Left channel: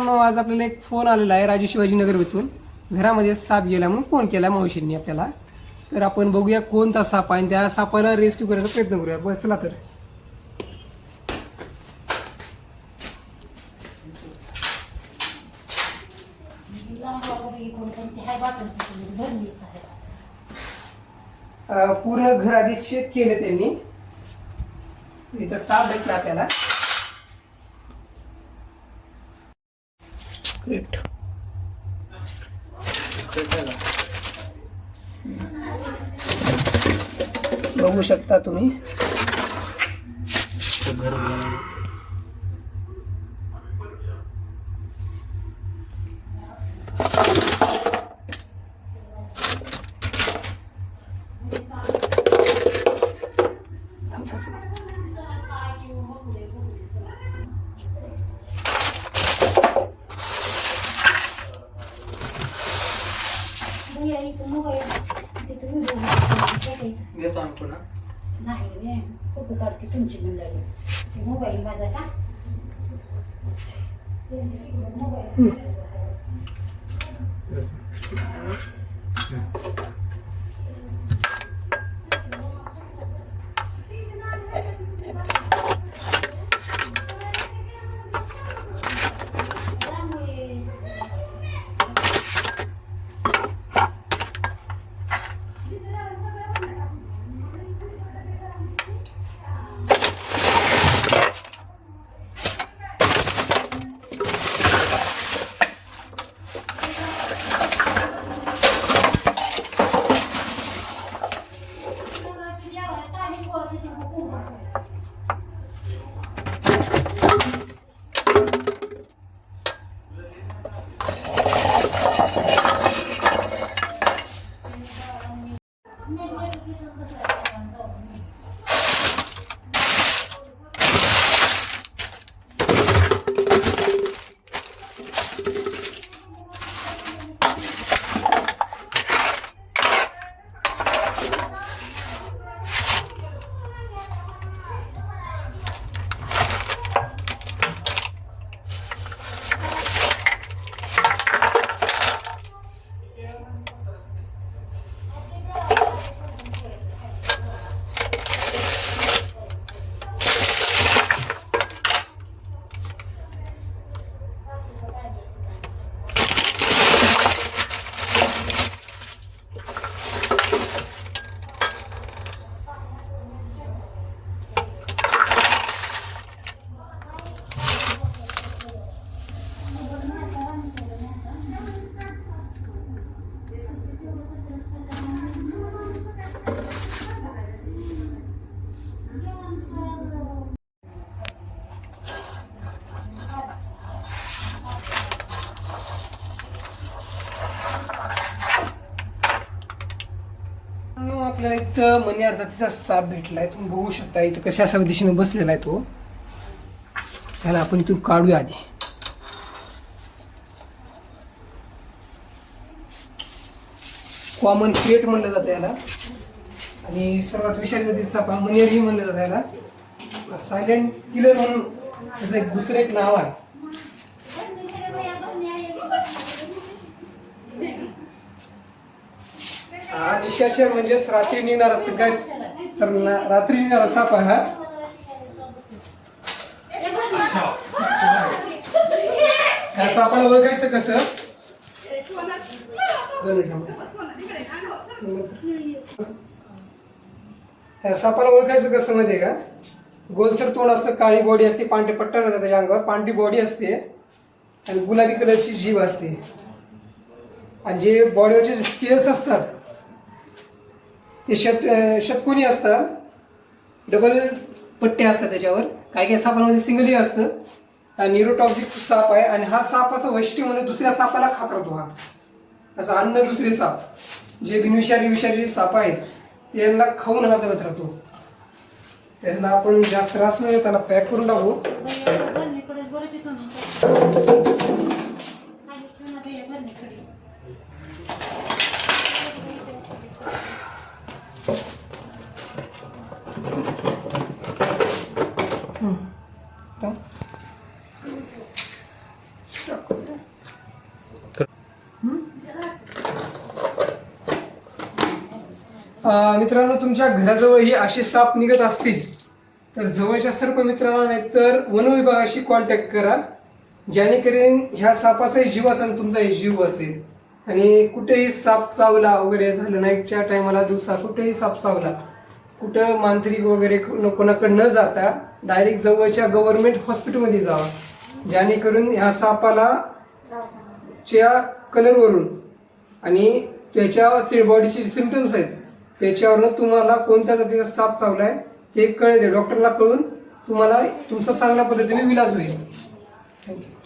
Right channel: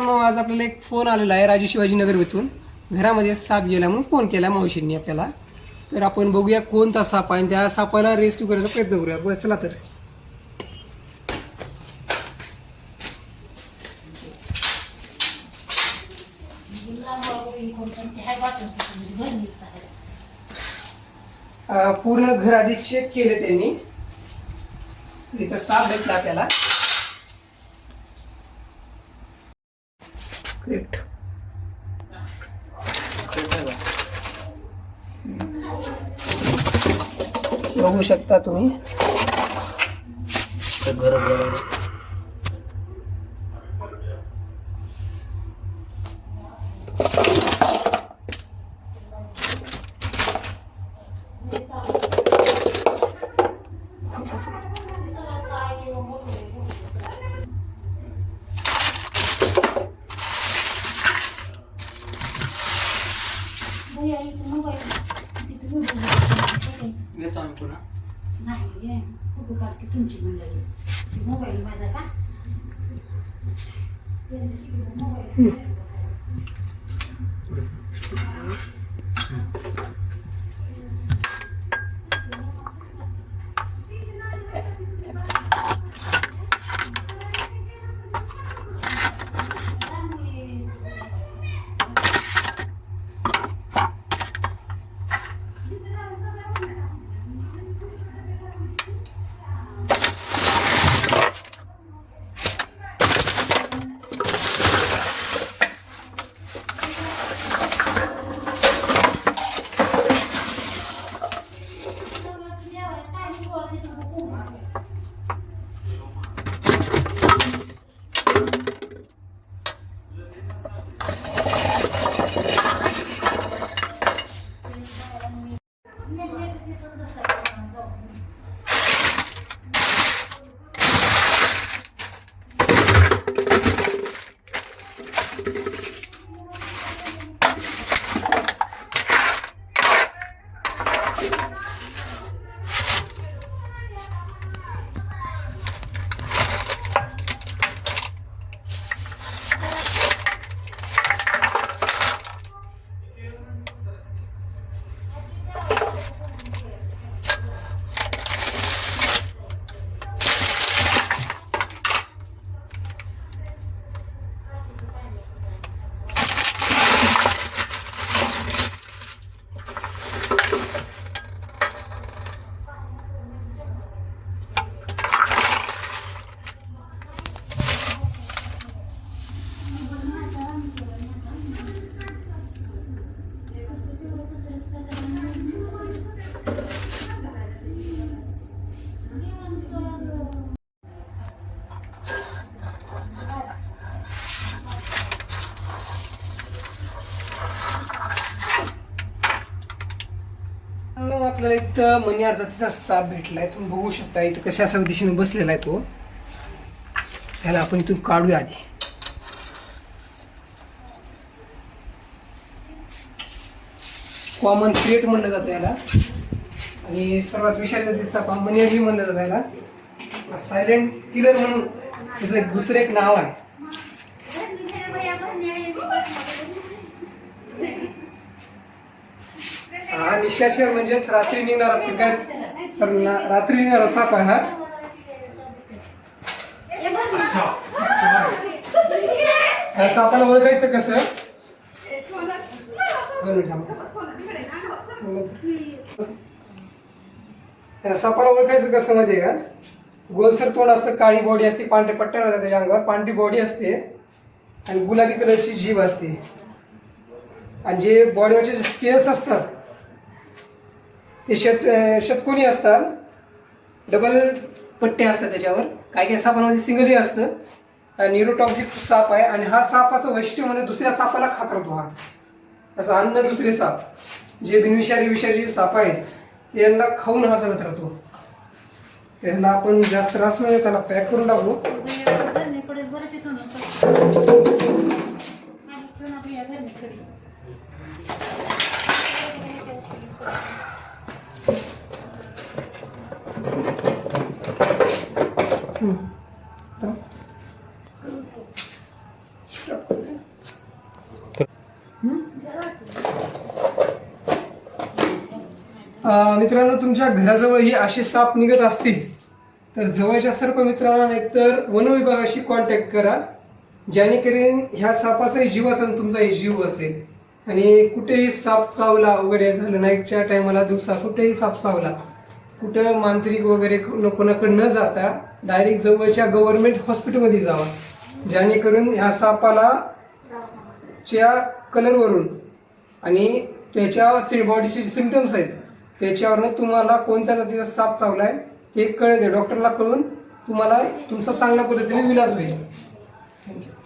मित्रांनो, आज आपल्याला एक फोन आलेला आहे राजे शिवाजीनगर येथून. घरामध्ये साप गेला म्हणून फोन केला मावशींनी आपल्याला. तर आपण बघूया कोणता साप आहे, त्या सापाला रेस्क्यू करायचा प्रयत्न करूया. बरं चला तर. पूर्ण घर आधी चेक केले त्यांनी. इथं साप भेटला आपल्याला. ग्रेट. बघू शकता तुम्ही. नाही फोटो काढते तुमची मंडळी. मोबाईल माझा का आपल्याला इथं मणी जातीचा साप भेटलाय. तुम्ही बघू शकता इथं कशा अशा दिशेने बसलेला आहे तो. त्याला आपण इथून काढूया आधी. कॉमन क्रिएट म्हणलं जातं याला. आणि सर्वात विषारी जातीचा साप मणियारही म्हणलं जातं याला. सायलेंट किलर म्हणून त्याचं एक दुसरं एक नाव आहे. हा निशाचर म्हणजेच रात्री निघणारा सगळ्यात रात्री निघणारा साप आहे हा. ह्या सापाला ओळखायचं कसं. ह्या सापाला ओळखायचं कसं माहितीये का. गोलसर तोंड असतं, काळी बॉडी असते, पांढरे पट्ट्या राहतात त्याच्या अंगावर, पांढरी बॉडी असते आणि गुलाबी कलरची जीभ असते. आणि जे बॉडीवरचे स्केल्स असतात ते षटकोनी असतात. डबल पट्टे असतात त्याच्यावर. काही काही सापांमध्ये सिंगलही असतं. न्यूरोटॉक्सिक साप आहे. आणि हा सापाचं वैशिष्ट्य म्हणजे दुसऱ्या सापाला खात राहतो. हा त्याचा अन्न दुसरे साप जे विषारी साप आहेत त्यांना खाऊन हा जगत राहतो. त्यांना आपण जास्त त्रास म्हणजे त्याला पॅक करून टाकू. Stop. मित्रांनो, तुमच्या घराजवळ ही असे साप निघत असतील तर जवळच्या सर्प मित्रांना नाहीतर वन विभागाशी कॉन्टॅक्ट करा, जेणेकरून ह्या सापाचाही जीव असेल, तुमचाही जीव असेल. आणि कुठेही साप चावला वगैरे झालं, नाईटच्या टायमाला दिवसा कुठेही साप चावला, कुठं मांत्रिक वगैरे कोणाकडे न जाता डायरेक्ट जवळच्या गव्हर्नमेंट हॉस्पिटलमध्ये जावा, जेणेकरून ह्या सापाला च्या कलरवरून आणि त्याच्या बॉडीचे सिम्पटम्स आहेत त्याच्यावरनं तुम्हाला कोणत्या जातीचा साप चावलाय ते कळेल. डॉक्टरला कळून तुम्हाला तुमचा चांगल्या पद्धतीने इलाज होईल. थँक्यू.